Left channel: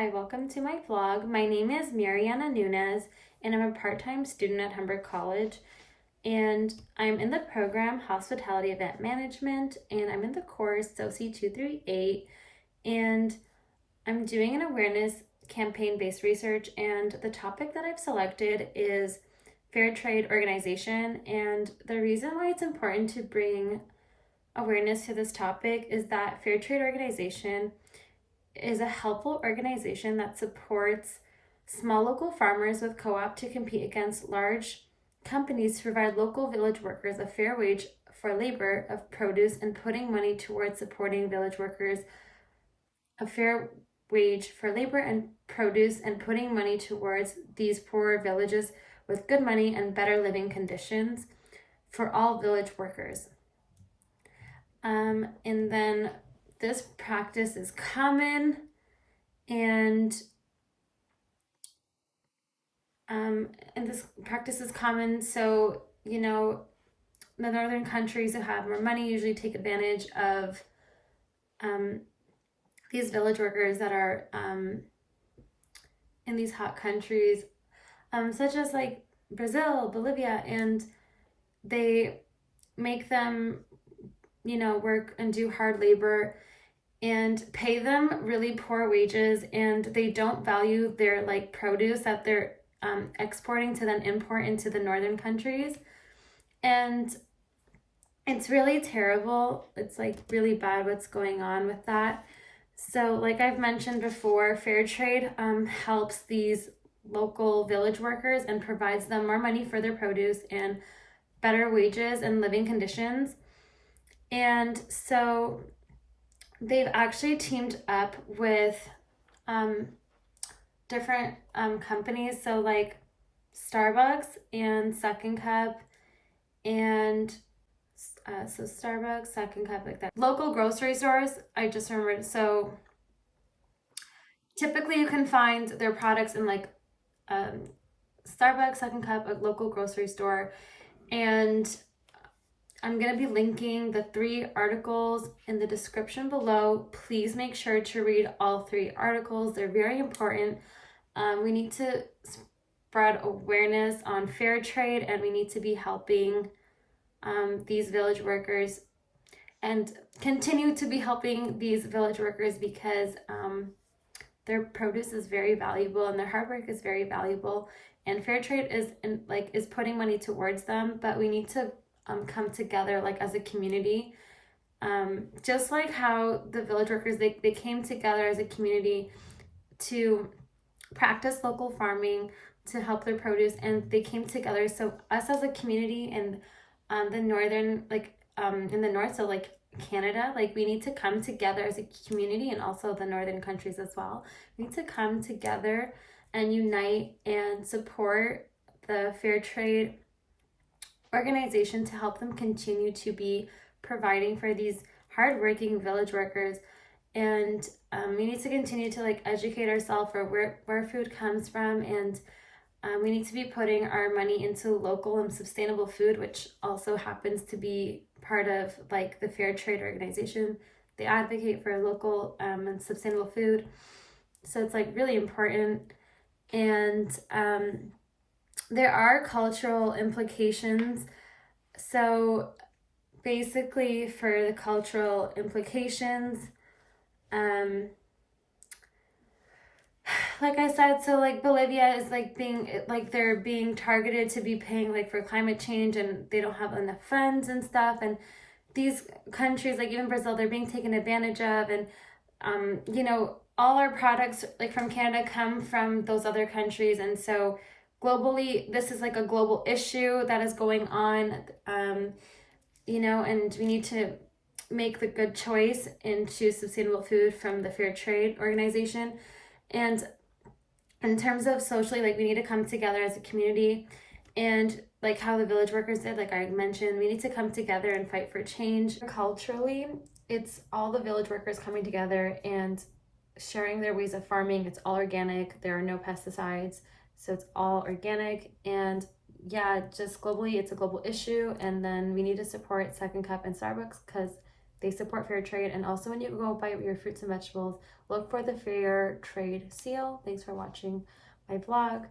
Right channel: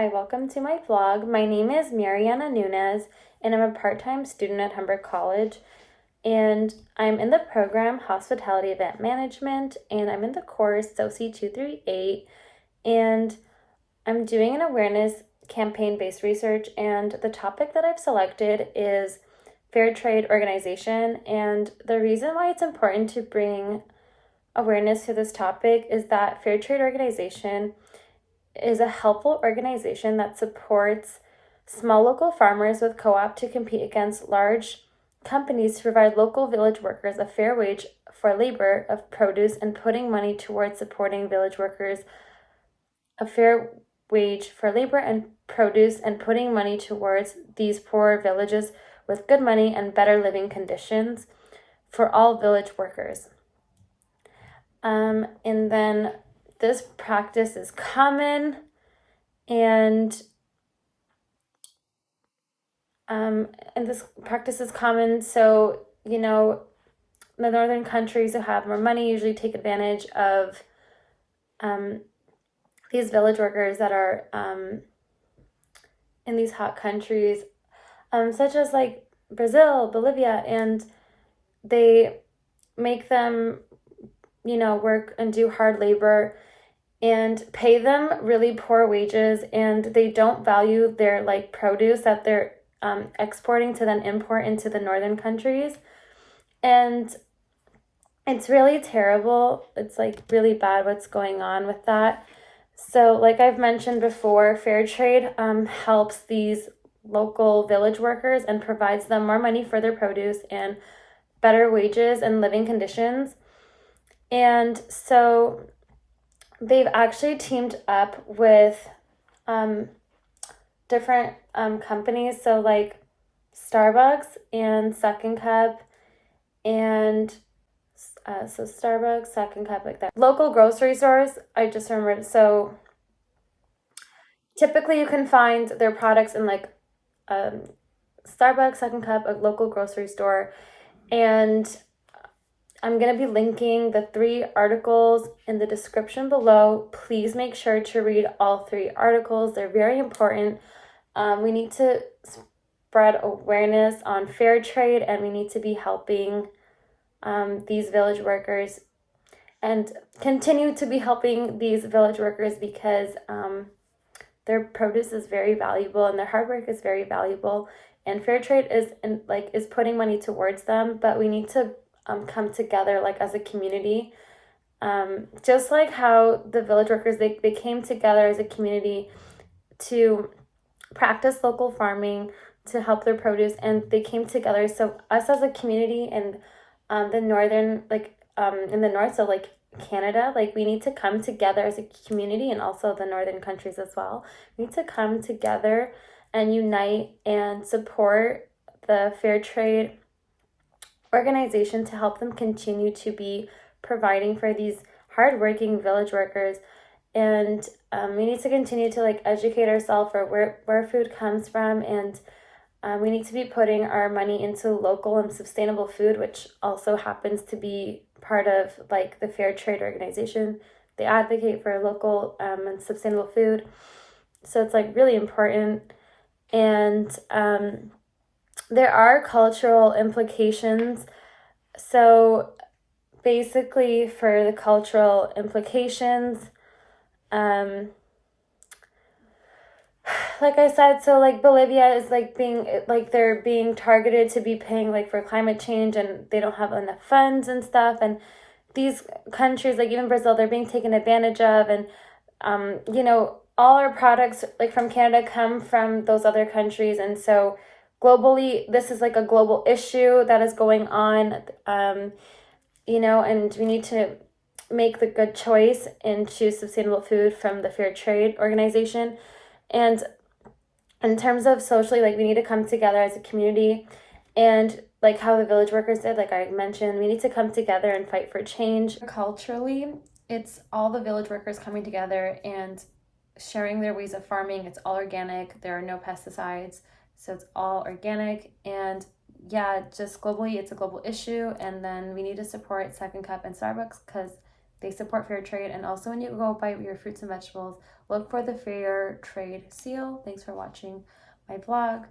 Hi, welcome to my vlog. My name is Mariana Nunes, and I'm a part-time student at Humber College. And I'm in the program Hospitality Event Management, and I'm in the course SOCI 238. And I'm doing an awareness campaign-based research, and the topic that I've selected is fair trade organization. And the reason why it's important to bring awareness to this topic is that fair trade organization is a helpful organization that supports small local farmers with co-op to compete against large companies to provide local village workers a fair wage for labor of produce and putting money towards supporting village workers a fair wage for labor and produce and putting money towards these poor villages with good money and better living conditions for all village workers. And then this practice is common and this practice is common. So, the northern countries who have more money usually take advantage of these village workers that are in these hot countries, such as like Brazil, Bolivia, and they make them, work and do hard labor and pay them really poor wages, and they don't value their produce that they're exporting to then import into the northern countries. And it's really terrible. It's really bad what's going on with that. So like I've mentioned before, fair trade helps these local village workers and provides them more money for their produce and better wages and living conditions. And so they've actually teamed up with different companies, so like Starbucks and Second Cup, and so Starbucks, Second Cup, like that. Local grocery stores, I just remembered. So typically you can find their products in Starbucks, Second Cup, a local grocery store, and I'm going to be linking the 3 articles in the description below. Please make sure to read all 3 articles. They're very important. We need to spread awareness on fair trade, and we need to be helping these village workers and continue to be helping these village workers because their produce is very valuable and their hard work is very valuable, and fair trade is putting money towards them, but we need to come together as a community, just like how the village workers they came together as a community to practice local farming to help their produce, and they came together. So us as a community in the northern in the north, so Canada, we need to come together as a community, and also the northern countries as well. We need to come together and unite and support the fair trade organization to help them continue to be providing for these hardworking village workers. And we need to continue to educate ourselves for where food comes from, and we need to be putting our money into local and sustainable food, which also happens to be part of the fair trade organization. They advocate for local and sustainable food, so it's really important. And there are cultural implications. So basically for the cultural implications, like I said, so Bolivia is they're being targeted to be paying for climate change, and they don't have enough funds and stuff. And these countries, even Brazil, they're being taken advantage of. And all our products from Canada come from those other countries. And so globally, this is a global issue that is going on, and we need to make the good choice and choose sustainable food from the fair trade organization. And in terms of socially, we need to come together as a community, and how the village workers did, I mentioned, we need to come together and fight for change. Culturally, it's all the village workers coming together and sharing their ways of farming. It's all organic. There are no pesticides. So it's all organic. And yeah, just globally, it's a global issue. And then we need to support Second Cup and Starbucks because they support fair trade. And also when you go buy your fruits and vegetables, look for the fair trade seal. Thanks for watching my vlog.